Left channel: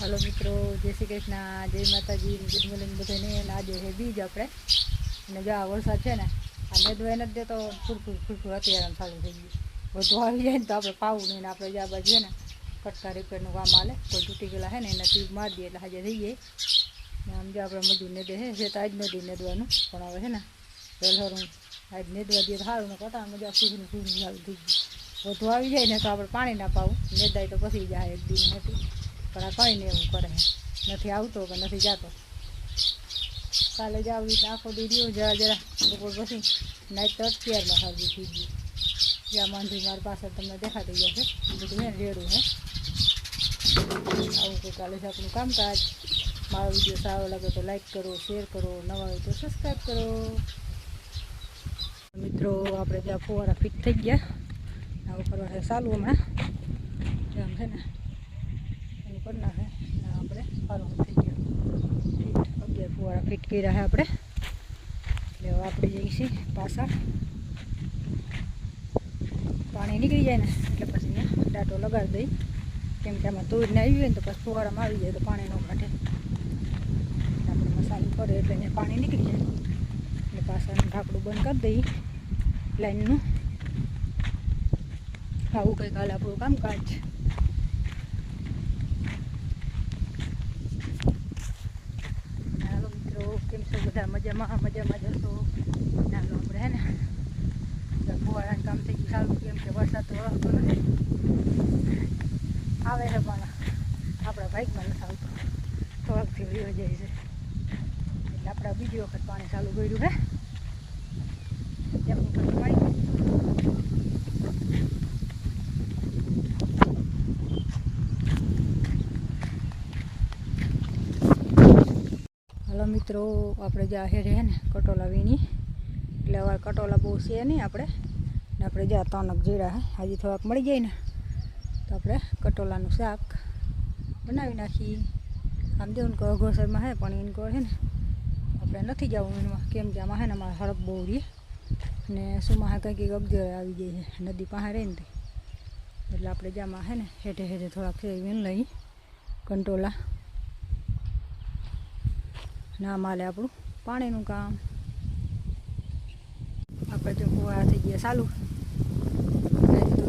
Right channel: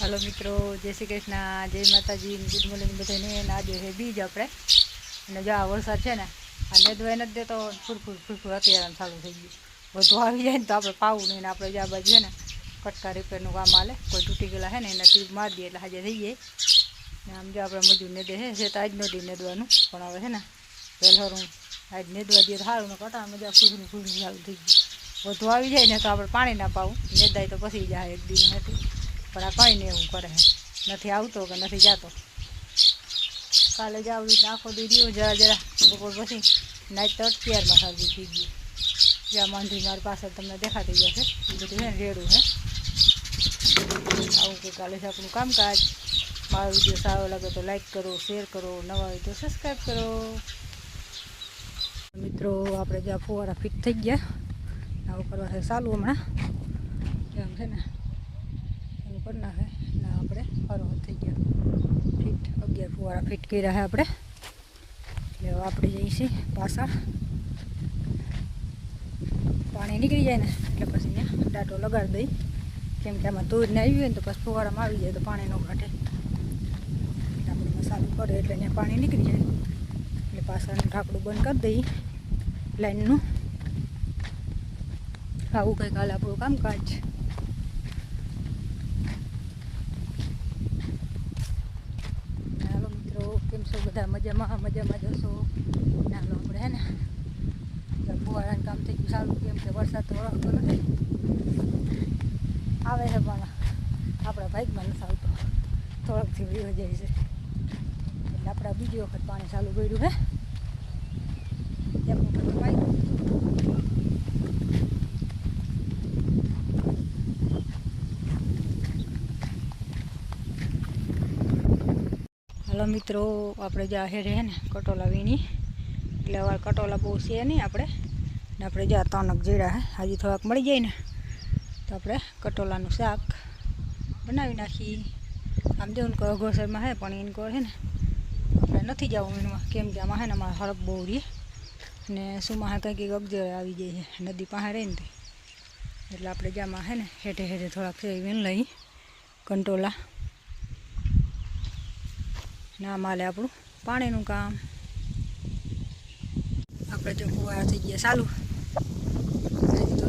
Hello मित्रों, जय श्री कृष्ण, जय माताजी, गुड मॉर्निंग बधाने। आज है बीज अपने जो आ वरसाद है ने आ नेदवाई नहीं देतो, फूरफूर फूरफूर अत्यारे चालू थी गई। बधु आई जाए तो आप पावू नहीं, आप आ बाजू है ने कटका रिपेरનું काम हाले। कोई तूटी गયેલા है ने ट्यूब मार दिए એટલે हाजे थी जाए। आम जो આપણે મજૂર ને દે છે તો આજ નથી નેદવાનું, પણ હવે છે ને વહેલું આજ નેદવા દઈએ તો સારું ને કટા મજા ફૂરનું ફૂરનું ચાલુ થઈ ગયું। વધુ આવી જાય ને તો આપણે પાણી ના પાવું, નેદાય તો પછી જાય એક દિન હતી, પણ આ કંઈ નહીં એવું કરે છે, નથી આવતો કે નથી જતો। કાલે જ આવી રીતે આખો દી રહ્યો જરા જરા, બપોર પછી નાઈટ તો અત્યારમાં સારું થઈ ગયું। જ્યાં માંધી મારી પાસે તમને દેખાતી જશે, એ બધું છે ને રેડું છે। આવું કે કાલે છે આપણું કામકાજ। મારો વિડીયો સારો લાગે તો લાઈક કરો, શેર કરો, નવા હોય તો સબસ્ક્રાઈબ કરો। મિત્રો આપણે જ્યાં ફુવારા ફિટ થઈ ગયા, આવું કરવા છે ચાલુ હમણાં જેમ છે ને એનું કરી નાખે ને આપણે ફરવા થઈ ગયો ફિટ। 11 ફુવારા ફિટ કર્યા છે આપણે, એટલે આપણે જઈએ છીએ પાછળ। પાણી નીકળી જાય ને એટલે પછી ને દાંટો લગાડી દઈ, કેમ કે આમાં ધોઈને આવી હોય ને તો પછી ફુવારામાં આવી જાય તો પાણી ન ઘટે। આપણે મસાલો પડે એટલે ને પાણી નીકળી જાય એટલે પાછળનું ઢાંકણું બંધ કરી દઈએ લાઈનનું। આવું કંઈક હાલે આપણું કામકાજ। હાલો મિત્રો, કેમ છો બધા? મજામાં મજામાં જશો? હાલો આપણે હે ને ફુવારાનું કામ થઈ ગયું સારું, કેમ કે વરસાદ તો વળગતો નથી, આવે છે પણ આપણા બાઇકમાં નથી આવતો, થોડાકથી વયો જાય છે, એટલે આપણે બીજી વખત પાણી ચાલુ કર્યું છે। આપણું બધું બાઇક મિત્રો આપણે જ્યાં હેડે છે ને કટોલા વીણી, એટલે હવે કટોલા બહુ છે નહીં આપણે, ને આપણે જ્યાં તનક જીરા છે હજી થોડાક મળી જાય ને તો આપણે કટોલાનું શાક બનાવી નાખીએ। આમ જેવું કે અઘોસરમાં છે પણ એને કહે છે ને આપણે નથી જવું એમાં, કેમ કે આમાં છે ને અમારે હરપ બહુ રહી ને સુમાં કંઈક અગજર આવી જાય છે નદી પાસે રહીને તે, એટલે આપણે જ્યાંમાં છે ને હેઠે હેઠે થોડાક છે વીણ લઈ કંટોલા ના માલે આપણું પાણીનું કામ। આપણે જો ફુવારા થઈ ગયા ચાલુ,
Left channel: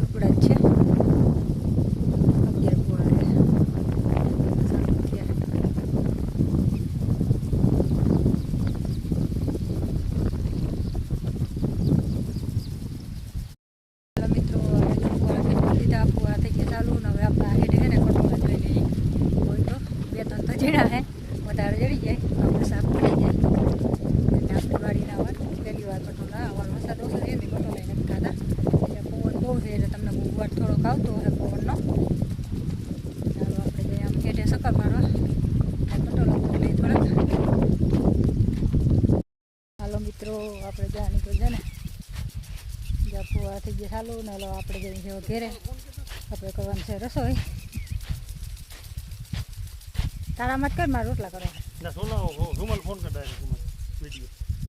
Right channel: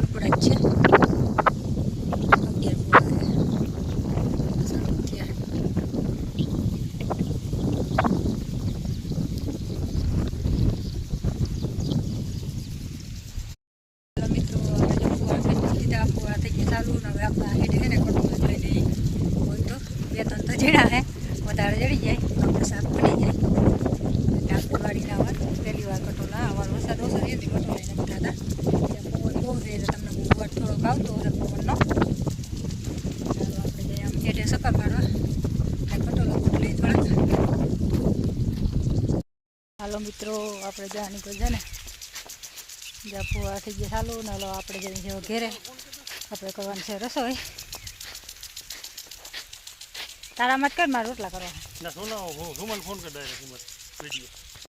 ઉપડા જ છે 11 ફુવારા ચાલુ થયા। મિત્રો જો ફુવારા થઈ દીધા, ફુવારા થઈ ગયા ચાલુ, ને હવે આપણા હેઠે છે ને કટોલા જોઈ લઈએ, હોય તો 2-3 તો જીણા છે, વધારે જડી જાય તો આપણે શાક બની જાય। એટલે આપણે વાડીના વાર પહેલી વાર કટોલા આવા વરસાદ ઓછો છે એટલે કટોલા નથી થતા, ત્યાં પવન બહુ છે એટલે તમને બહુ વાર થોડોક આવતો હશે પવનનો। ચાલો આપણે જઈએ આમ હેઠે સકર મારવા, કટોલા લઈ થોડાક। હાલો મિત્રો, આપણે જ્યાં નીકળી જાય ને જ્યાં ફુવા થઈ ગયા ચાલુ ને, હલો આપણે જઈએ છીએ ઘેરે, આપણે કરવાની છે રસોઈ। તારા મત કર, મારે રોટલા કરવા।